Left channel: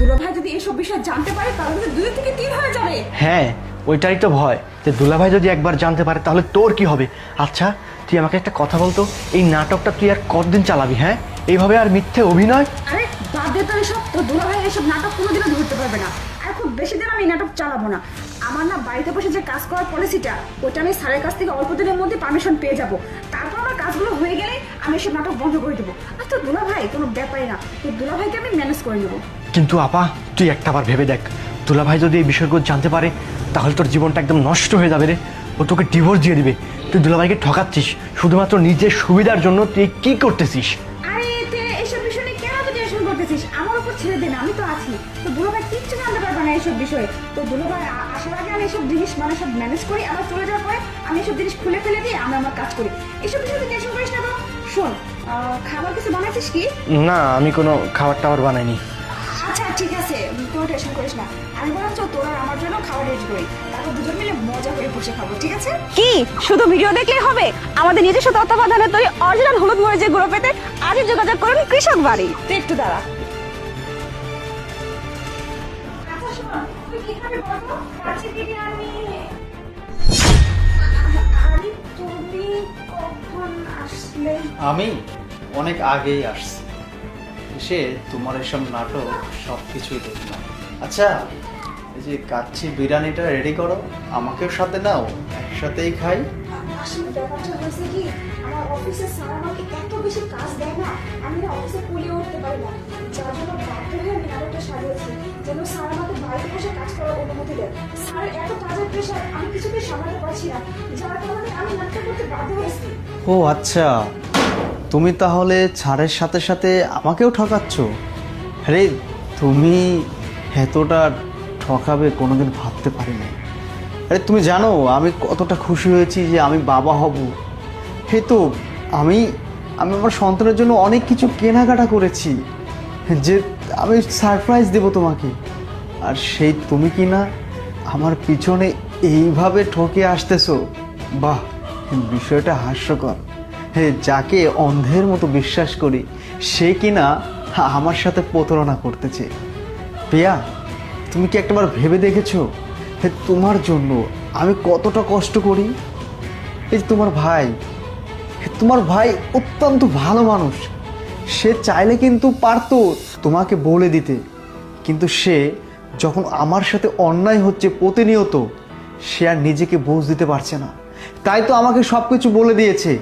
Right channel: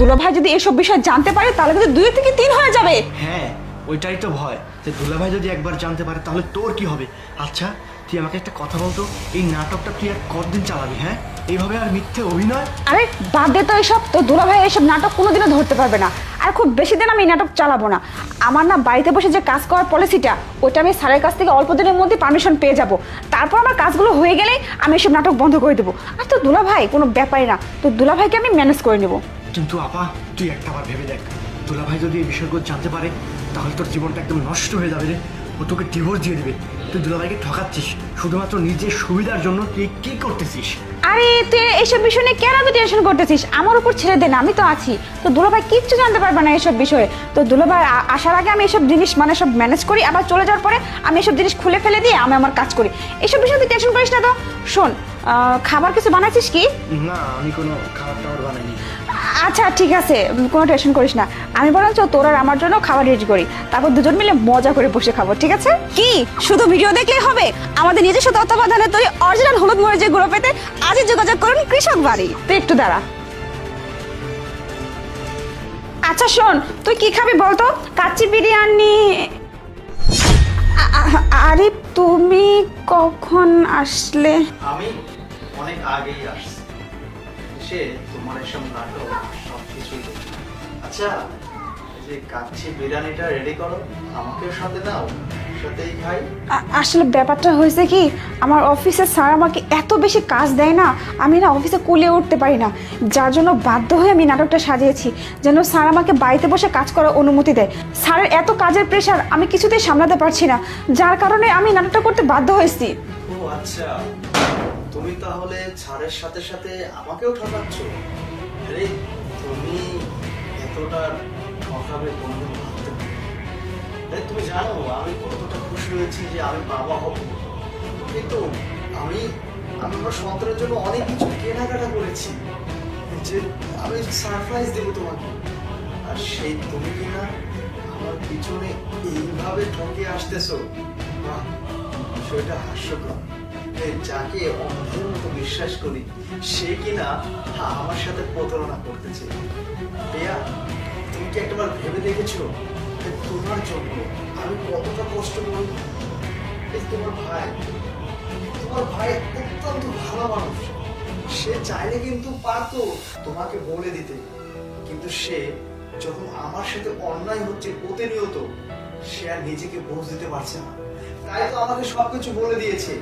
দুলাভাই যদি এসব বিষয় জানতে পারে তাহলে কিন্তু 2 থেকে 3 হয়ে যাবে। হ্যাঁ, ওইটাই তো ভয় যে দুলাভাই যদি একবার জানতে পারে তাহলে তোর কি হবে। আচ্ছা তুই আমাকে একটা কথা বলতো, এই নাটকটা তুই আর কতদিন চালাবি? হ্যাঁ, এইভাবে আর মিথ্যে অভিনয়? আরে বাদ দে তো এসব, তো দুলাভাই এসব নাটক কোনোদিনও ধরতে পারবে না। আর খুব বেশি দিন আমি এই নাটক চালাবো না। আমার না বাড়িতে বসে যে কাজ করার পলিসিটা, ওটা আমি স্যারের কাছ থেকে অল্প দিনের মধ্যে পারমিশন পেয়ে যাব। তারপর আমার কাজগুলো হয়ে গেলেই আমি এসব নাটক বন্ধ করে দেবো। আর তো দুলাভাই কোনো ব্যাপারই না, তো দুলাভাইকে আমি ম্যানেজ করে নেবো। কিন্তু আপা তুই একটাবার ভেবে দেখ, দুলাভাই যদি এই বিষয়গুলো জানতে পারে তাহলে তোর জীবনটা একদম নষ্ট হয়ে যাবে রে। ও তোকে ডিভোর্স দিয়ে দিবে। তুই দুলাভাইকে ঠকাচ্ছিস শুধুমাত্র নিজের সুবিধার জন্য। তুই কি করতেছিস? আরে তুই এইসব বিষয় নিয়ে কেন এত টেনশন করতেছিস? আমার উপর ছেড়ে দে না, আমি তো আছি। তো দুলাভাই কিচ্ছু জানতে পারবে না এসব বিষয়ে। তো দুলাভাই আসার আগে আমি এসব জিনিস মানে সব ম্যানেজ করি, আবার চলে যাওয়ার পরে আমি এসব জিনিস খুলে ফেলে দিয়ে আমি আমার কাজ করি। এসব বিষয়ে তুই টেনশন করিস না। তো শোন, খাবার কিছু বানাচ্ছিস কি? না, আমি কোনো খাবার টাবার বানাইনি। আচ্ছা ঠিক আছে, কোনো টেনশন করিস না। আমি বরঞ্চ তোর আর আমার জন্য খাবার রেডি করি, তারপর দুজন মিলে মজা করে বসে খাবো, ঠিক আছে? কি শুধু ভিডিও দেখলেই হবে? আমাদের নিজস্ব তত্ত্বাবধানে তৈরি অরিজিনাল হলুদ মরিচের গুঁড়ো পেতে আজই যোগাযোগ করুন কৃষক বাড়ি। তুই একটু দাঁড়া। আচ্ছা শোন, তুই কি খাবি বলতো? কাচ্চি বিরিয়ানি। আরে তুমি কখন আসলে? আমি অনেক আগেই আসছি, এসে তোমার এসব নাটক সব কিছু দেখলাম। আচ্ছা, এই যে কাচ্চি বিরিয়ানিটা রেডি করো, আমাকেও সাথে নাও, সাথেই খাই। আসলে ব্যাপারটা হয়েছে কি, আমার অফিসের স্যার আমাকে এত বেশি কাজ দেয় না, আমি না অফিসে কুলিয়ে উঠতে পারি না। যার জন্য বাধ্য হয়ে আমি নাটকটা সাজিয়েছি যেন স্যার আমাকে বাড়িতে বসে কাজ করার অনুমতি দেয়। স্যারের এত কাজের প্রেশার আমি কিছুতেই সামলাতে পারছি না, যার কারণে আমি নাটকটা করতে বাধ্য হয়েছি। ও আচ্ছা, তুমি তাহলে ছাড়ের সাথে সাথে আমাকেও ঠকাচ্ছ? আরে তুমি এতটা ঠকাবে কোনোদিন ভাবতে পারিনি। আরে তুমি জানো আমি কতটা খুশি হয়েছি যে আমি বাবা হব। এই তো আমি আমি আমার সন্তানের জন্য অনেক কিছু কেনাকাটা করেছি, যে আমি সারপ্রাইজ দেব তোমাকে। আর সেই তুমি কি না আমার পিছনে এইভাবে ঠকে আসতেছো? বাহ, বিষয়টা হাস্যকর। হ্যাঁ, যাকে অন্ধের মতো বিশ্বাস করি সে কিনা আমার সাথে প্রতারণা করতেছে। প্রিয়া, তুমি কি একটাবার ভেবে দেখেছো তোমার জন্য আমি কতটা কষ্ট করি? এই তোমার ভাই অত্যন্ত ভালো মানুষ। সে চাইলে কিন্তু পারতো তোমাকে বলে দিতে, কিন্তু সে যখন আমার সাথে অন্যায় হচ্ছে প্রতিনিয়ত, সে আর নিজেকে বোঝ দিতে পারছে না, তাই তো আমাকে সবকিছু বলে দিয়েছে।